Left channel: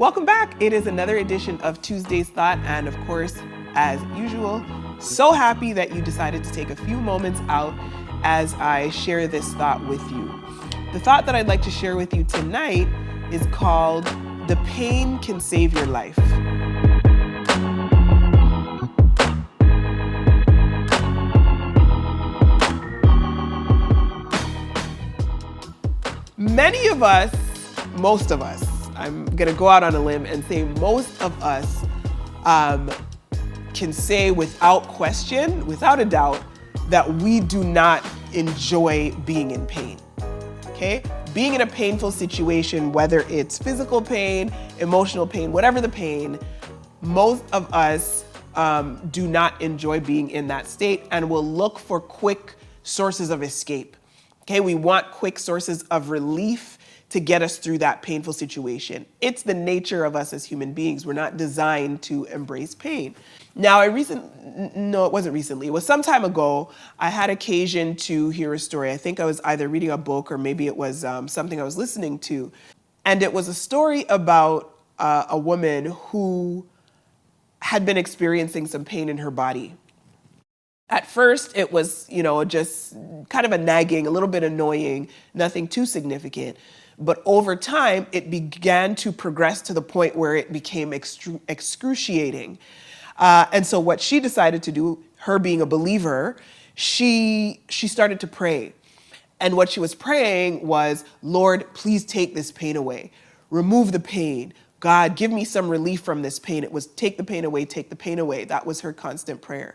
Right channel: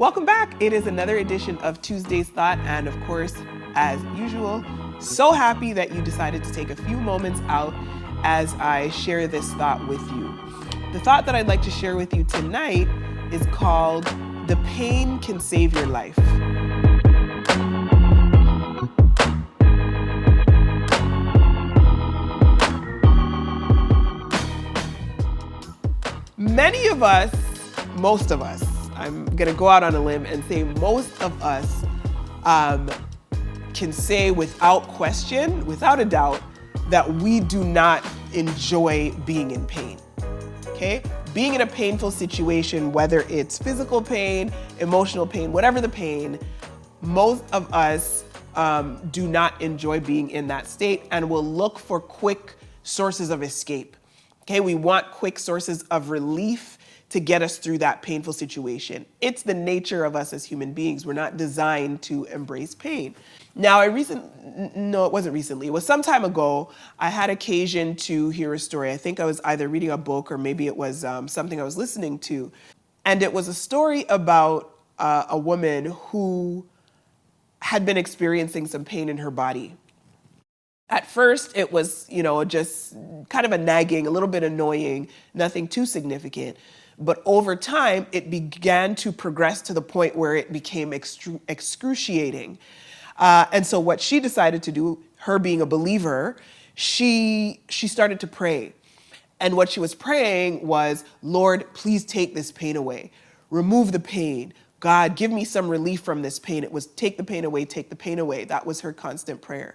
Welcome back. It is another edition of Tuesday's Thought, and of course, as usual, so happy that you decided to take a few moments out as I share this thought with you. The thought that I'd like to share with you tonight is called "The Pain Can Save Your Life." Many of us, most of us, I'm going to go out on a limb and say most of us can say without question, without a doubt, that we do not enjoy being in pain. Okay? Being in a painful situation, whether it's physical pain, emotional pain, whatever the pain, most of us do not enjoy being in that state and will look for quick sources of escape. Okay? We want quick sources of relief to get us through that painful situation. It's the nature of us as human beings. We're not designed to embrace pain. Now, it wasn't recently. It was some time ago. I had occasion to hear a story. I think I was either reading a book or maybe it was something I was listening to. And it was a story about a woman who had been experiencing some pain in her body. At first, it was, just kind of a nagging, a little bit annoying, nothing too significant. But over time, it began to progress to the point where it became excruciating. And so what she decided to do, her being a believer, she started to pray. And what she was praying was, Lord, please take this pain away. Remove the pain. God, give me some relief from this pain. It was take the pain away, take the pain away. That was her constant prayer.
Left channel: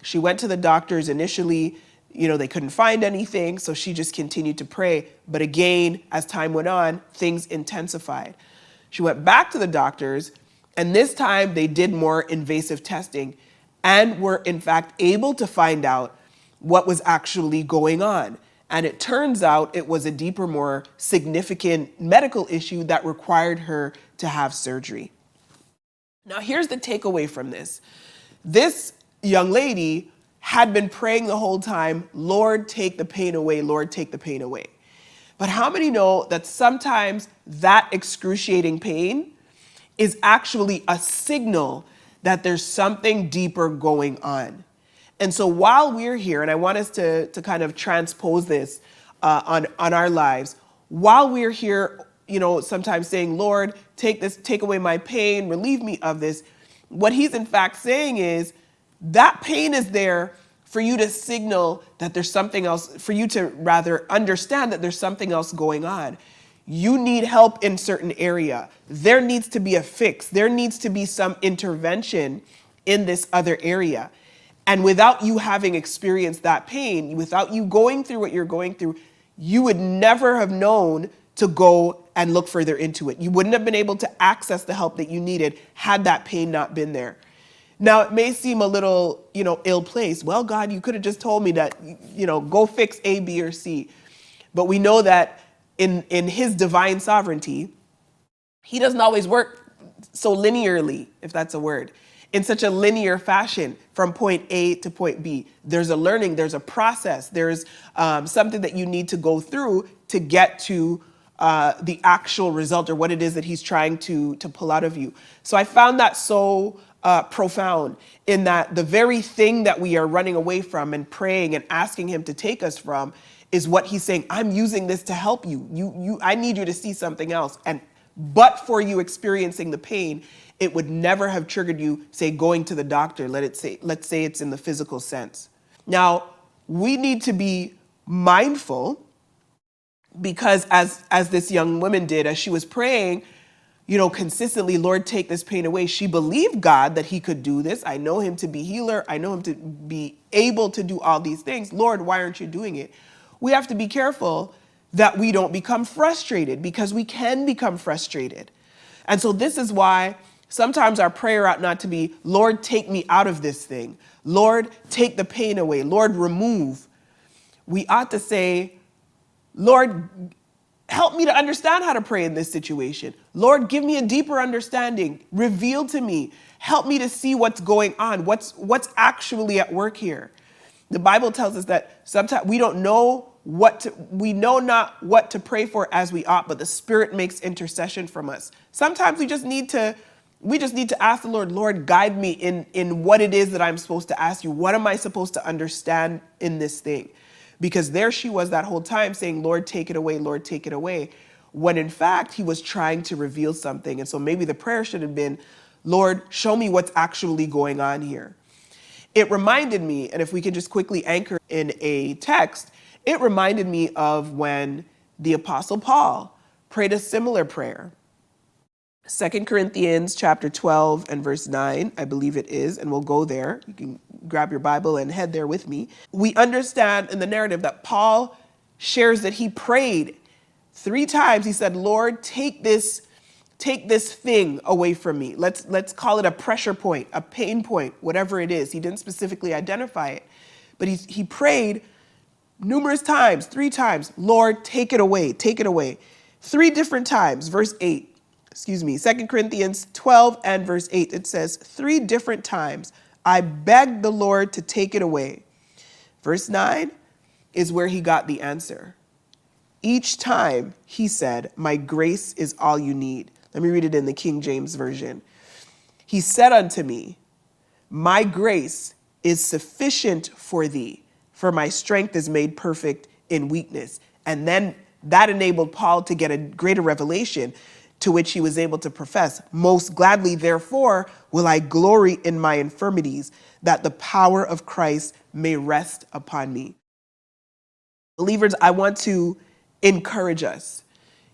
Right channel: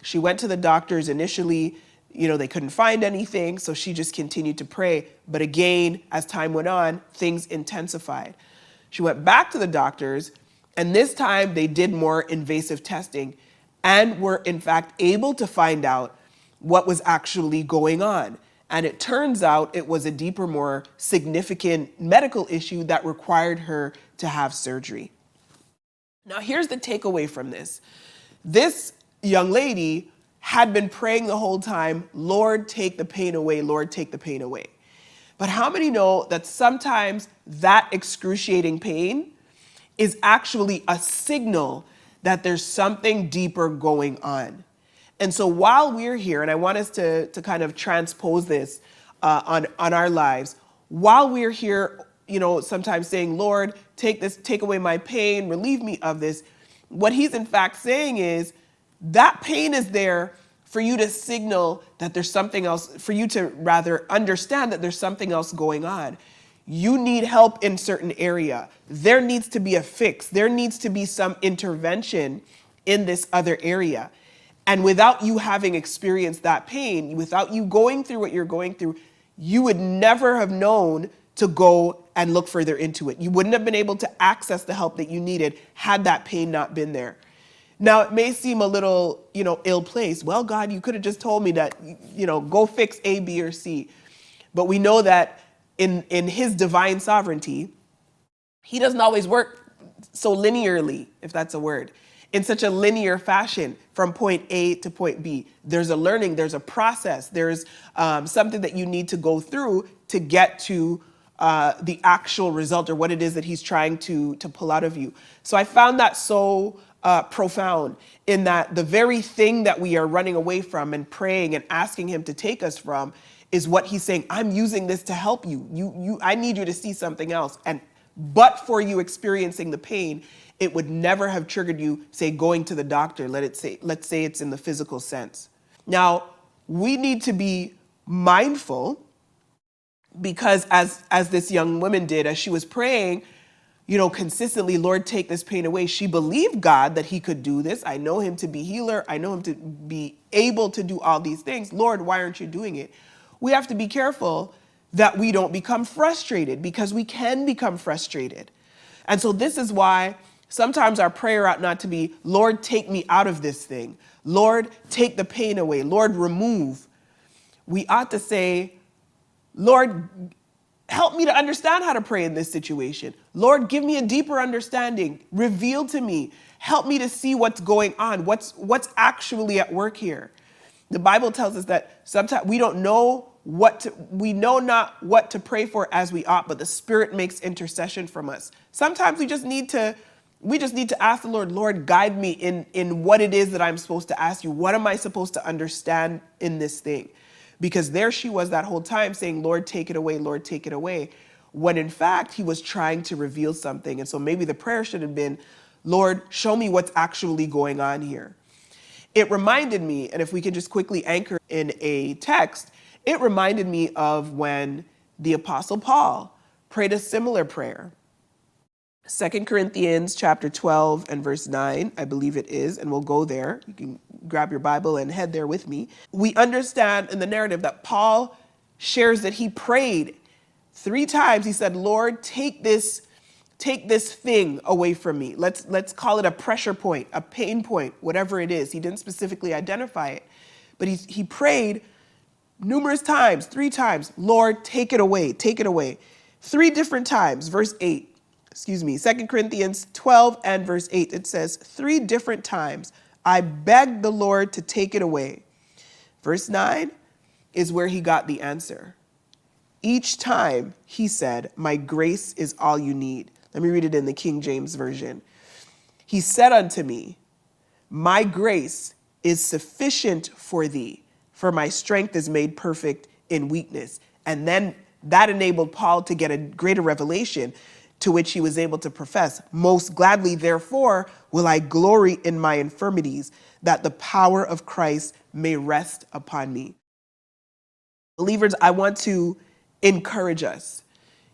She went to the doctors initially. They couldn't find anything, so she just continued to pray. But again, as time went on, things intensified. She went back to the doctors, and this time they did more invasive testing and were, in fact, able to find out what was actually going on. And it turns out it was a deeper, more significant medical issue that required her to have surgery. Now, here's the takeaway from this. This young lady had been praying the whole time, Lord, take the pain away, Lord, take the pain away. But how many know that sometimes that excruciating pain is actually a signal that there's something deeper going on? And so while we're here, and I want us to kind of transpose this on our lives, while we're here, sometimes saying, Lord, take away my pain, relieve me of this, what he's in fact saying is, that pain is there for you to signal that there's something else, for you to rather understand that there's something else going on. You need help in certain area. There needs to be a fix. There needs to be some intervention in this other area. And without you having experienced that pain, without you going through what you're going through, you would never have known to go and look further into it. You wouldn't have been able to access the help that you needed had that pain not been there. Now, it may seem a little, ill-placed. Well, God, you could have just told me that, go fix A, B, or C. But we know that in his divine sovereignty, he doesn't always work so linearly, if that's a word, in such a linear fashion from point A to point B. There's a learning, there's a process, there's something that you need to go through to get to the actual result or what it is that he's trying to pull out of you. So I found that so profound in that the very thing that we are running away from and praying and asking him to take us from is what he's saying, I'm using this to help you. I need you to see something else. But for you experiencing the pain, it would never have triggered you, say, going to the doctor. Let's say it's in the physical sense. Now, we need to be mindful because as this young woman did, as she was praying, consistently, Lord, take this pain away. She believed God that he could do this. I know him to be healer. I know him to be able to do all these things. Lord, why aren't you doing it? We have to be careful that we don't become frustrated because we can become frustrated. And so this is why sometimes our prayer ought not to be, Lord, take me out of this thing. Lord, take the pain away. Lord, remove. We ought to say, Lord, help me to understand how to pray in this situation. Lord, give me a deeper understanding. Reveal to me. Help me to see what's going on, what's actually at work here. The Bible tells us that sometimes we don't know we know not what to pray for as we ought, but the Spirit makes intercession from us. Sometimes we just need to ask the Lord, Lord, guide me in what it is that I'm supposed to ask you. What am I supposed to understand in this thing? Because there she was that whole time saying, Lord, take it away, Lord, take it away. When in fact, he was trying to reveal something. And so maybe the prayer should have been, Lord, show me what's actually going on here. It reminded me, and if we can just quickly anchor in a text, it reminded me of when the Apostle Paul prayed a similar prayer. 2 Corinthians chapter 12 and verse 9, I believe it is, and we'll go there. You can grab your Bible and head there with me. We understand in the narrative that Paul shares that he prayed 3 times. He said, Lord, take this thing away from me. Let's call it a pressure point, a pain point, whatever it is. He didn't specifically identify it, but he prayed numerous times, 3 times, Lord, take it away, take it away. 3 different times, verse 8. 2 Corinthians 12 and verse 8, it says, 3 different times, I begged the Lord to take it away. Verse 9 is where he got the answer. Each time he said, my grace is all you need. Let me read it in the King James Version. He said unto me, my grace is sufficient for thee, for my strength is made perfect in weakness. And then that enabled Paul to get a greater revelation, to which he was able to profess, most gladly, therefore, will I glory in my infirmities, that the power of Christ may rest upon me. Believers, I want to encourage us.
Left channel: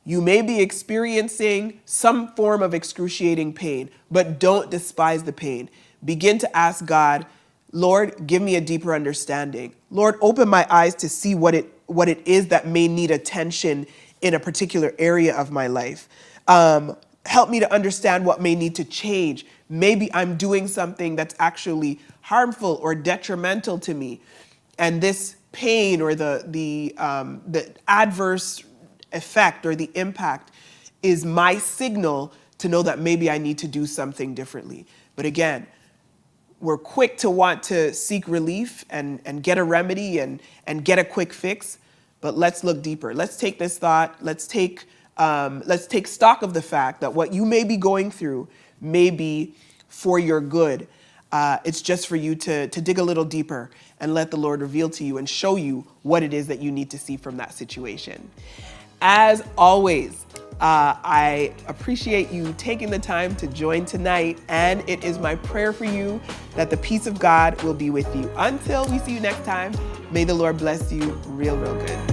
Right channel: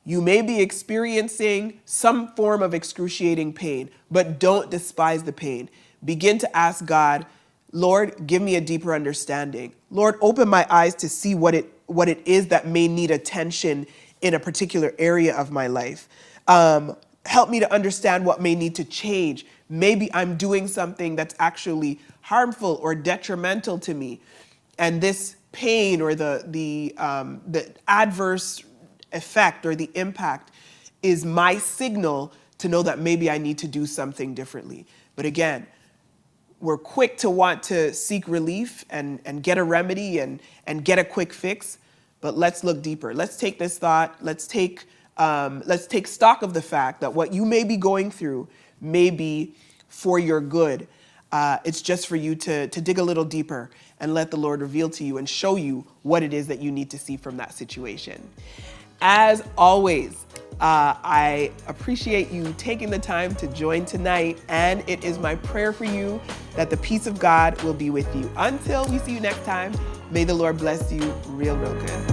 You may be experiencing some form of excruciating pain, but don't despise the pain. Begin to ask God, Lord, give me a deeper understanding. Lord, open my eyes to see what it is that may need attention in a particular area of my life. Help me to understand what may need to change. Maybe I'm doing something that's actually harmful or detrimental to me. And this pain or the adverse effect or the impact is my signal to know that maybe I need to do something differently. But again, we're quick to want to seek relief and get a remedy and get a quick fix. But let's look deeper. Let's take this thought. Let's take stock of the fact that what you may be going through may be for your good. It's just for you to dig a little deeper and let the Lord reveal to you and show you what it is that you need to see from that situation. As always, I appreciate you taking the time to join tonight, and it is my prayer for you that the peace of God will be with you. Until we see you next time, may the Lord bless you real good.